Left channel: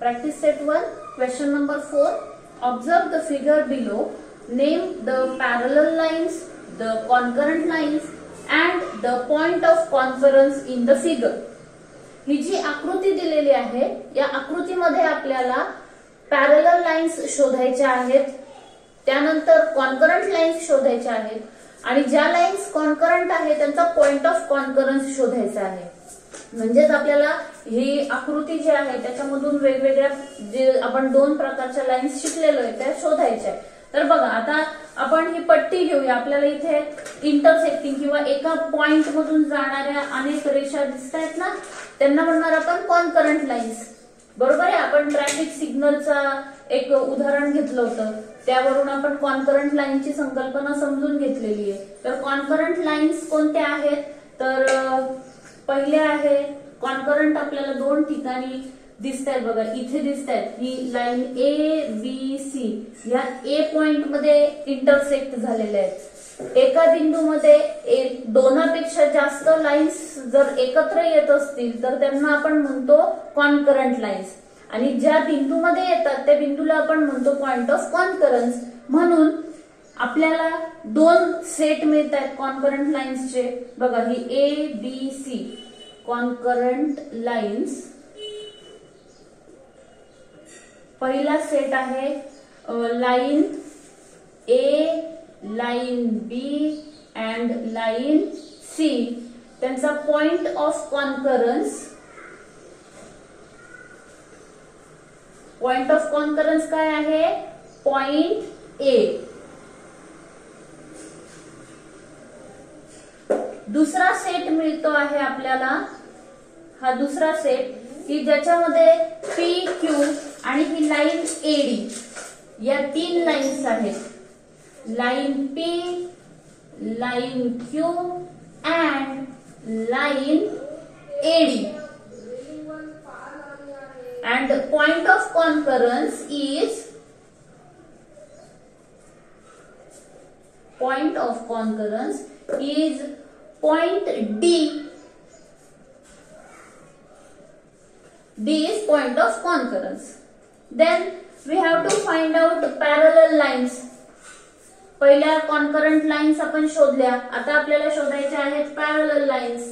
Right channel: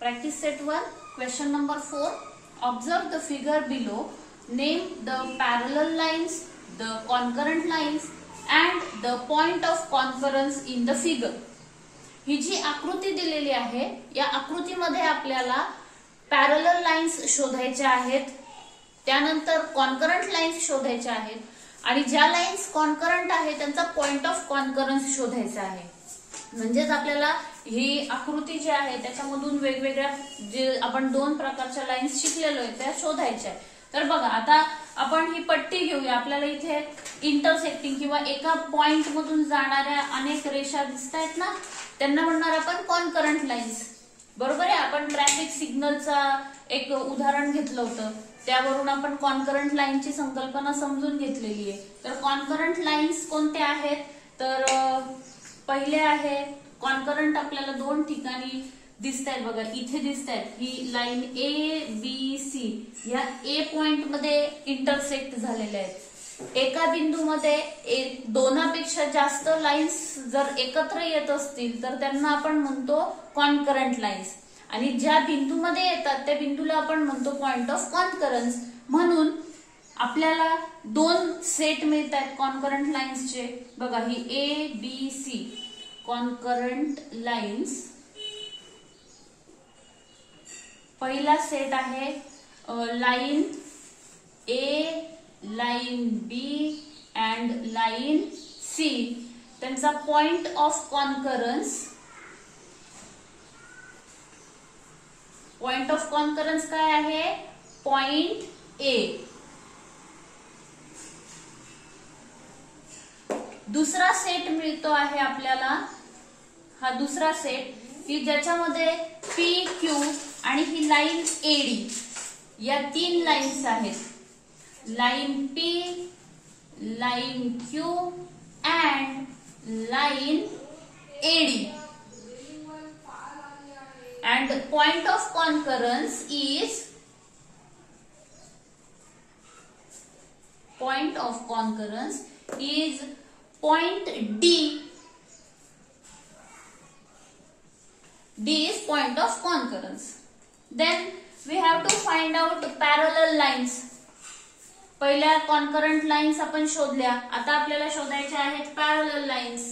Practice set 1, question number 4. Observe the figure below. Name the parallel lines, the concurrent lines and the point of concurrence in the figure. ही जी आकृती दिलेली आहे या आकृतीमध्ये आपल्याला parallel lines शोधायच्या आहेत, त्यानंतर कॉन्करंट लाईन्स शोधायच्या आहेत आणि ज्या लाईन्स कॉन्करंट आहे त्यांचा पॉइंट ऑफ कॉन्करन्स शोधायचा आहे. म्हणजेच आपल्याला ही आकृती जी आहे त्याच्यामधून वेगवेगळ्या जे आपण दोन प्रकारच्या लाईन्स शिकलेलो आहे त्या शोधायच्या. तर बघा आता आपण ही पट्टी घेऊया. आपल्याला इथे इंटरसेक्टिंग किंवा एका पॉइंट मधून जाणाऱ्या अनेक रेषा दिसत आहेत ना, त्यांना म्हणणार आपण कॉन्करंट लाईन्स. बरोबर आहे. आपण ट्रॅफिक सिग्नलचा एक उदाहरण घेतलं होतं, त्यावरून आपण कॉन्करंट लाईनची संकल्पना समजून घेतलेली आहे. तर कॉन्करंट लाईन्स कोणत्या आहेत, तर पहिले आहे कॉन्करंट आपल्याला दोन ठिकाणी दिसत आहेत. बघा इथे दिसत आहेत, ही लाईन ए बी सी या ए पॉइंट मध्ये इंटरसेक्ट झालेल्या आहेत. एका बिंदूमध्ये दोनापेक्षा जास्त लाईन्स जर एकत्र येत असतील तर त्यांना आपण म्हणतो कॉन्करंट लाईन्स, आणि ज्या बिंदूमध्ये येतात त्या बिंदूला आपण म्हणतो पॉइंट ऑफ कॉन्करन्स. म्हणून आपल्याला दोन सेट मिळत आहेत कॉन्करंट लाईन्सचे. बघा ही A B C concurrent lines. पहिला सेट आहे line A, line B and line C. त्यांचा point of concurrence, point of concurrence काय आहे, पॉइंट ए. दुसरा सेट मिळतो आहे आपल्याला, हा दुसरा सेट की ज्याच्यामध्ये पी क्यू आणि ही लाईन एडी या तीन लाईन्स आहेत. Line P, line Q and line AD. And the point of concurrence is point D. D is point of concurrence. Then we have to find out parallel lines. पहिल्या concurrent lines आपण शोधल्या, आता आपल्याला शोधायच्या आहेत parallel lines.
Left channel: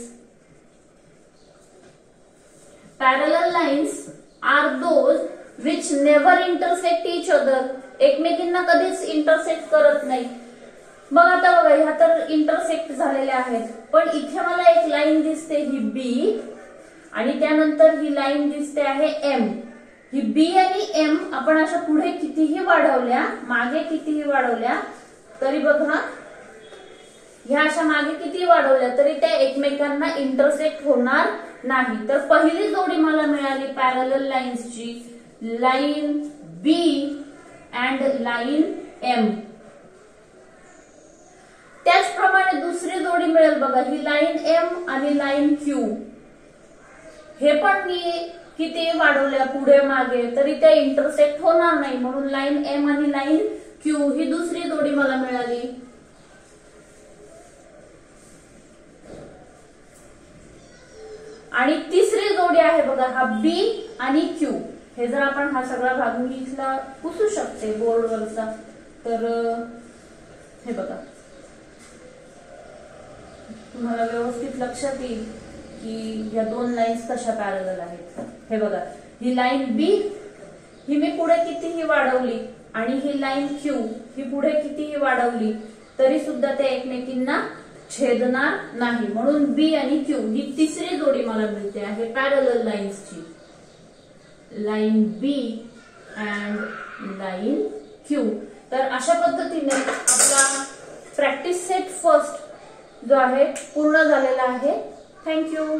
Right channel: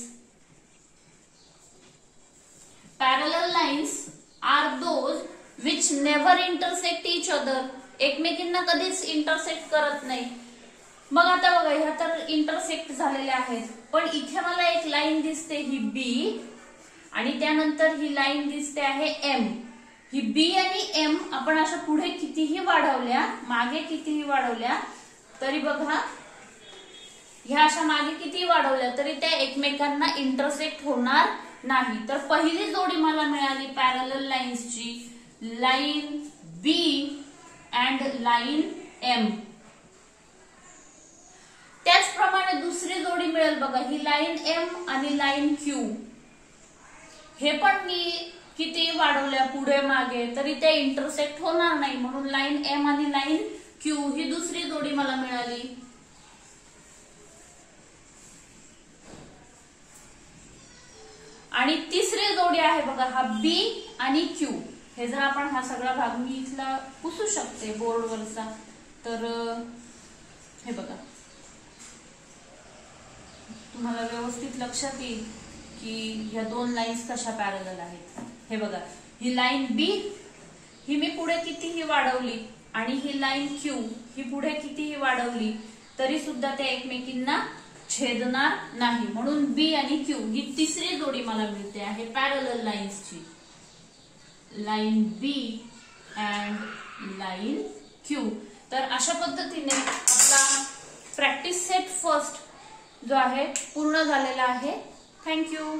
Parallel lines are those which never intersect each other. एकमेकींना कधीच intersect करत नाही. मग आता बघा ह्या तर इंटरसेक्ट झालेल्या आहेत, पण इथे मला एक लाईन दिसते ही बी आणि त्यानंतर ही लाईन दिसते आहे एम. ही बी आणि एम आपण अशा पुढे कितीही वाढवल्या, मागे कितीही वाढवल्या तरी बघा ह्या अशा मागे कितीही वाढवल्या तरी त्या एकमेकांना इंटरसेक्ट होणार नाही. तर पहिली जोडी मला मिळाली पॅरलल लाईन्सची, line B and line M. त्याचप्रमाणे दुसरी जोडी मिळेल बघा ही लाईन एम आणि लाईन क्यू. हे पण मी किती वाढवल्या पुढे मागे तरी त्या इंटरसेक्ट होणार नाही, म्हणून लाईन एम आणि लाईन क्यू ही दुसरी जोडी मला मिळाली. आणि तिसरी जोडी आहे बघा हा बी आणि क्यू. हे जर आपण हा सगळा भाग मी इथला पुसू शकते बोर्डवरचा, तर हे बघा तुम्हाला व्यवस्थित लक्षात येईल की ह्या दोन लाईन्स कशा पॅरलल आहेत. हे बघा ही लाईन बी ही मी पुढे कितीही वाढवली आणि ही लाईन क्यू ही पुढे कितीही वाढवली तरी सुद्धा ते एकमेकींना छेदणार नाही, म्हणून बी आणि क्यू ही तिसरी जोडी मला मिळते आहे पॅरलल लाईन्सची, line B and line Q. तर अशा पद्धतीने आपला प्रॅक्टिस सेट फर्स्ट जो आहे पूर्ण झालेला आहे. थँक्यू.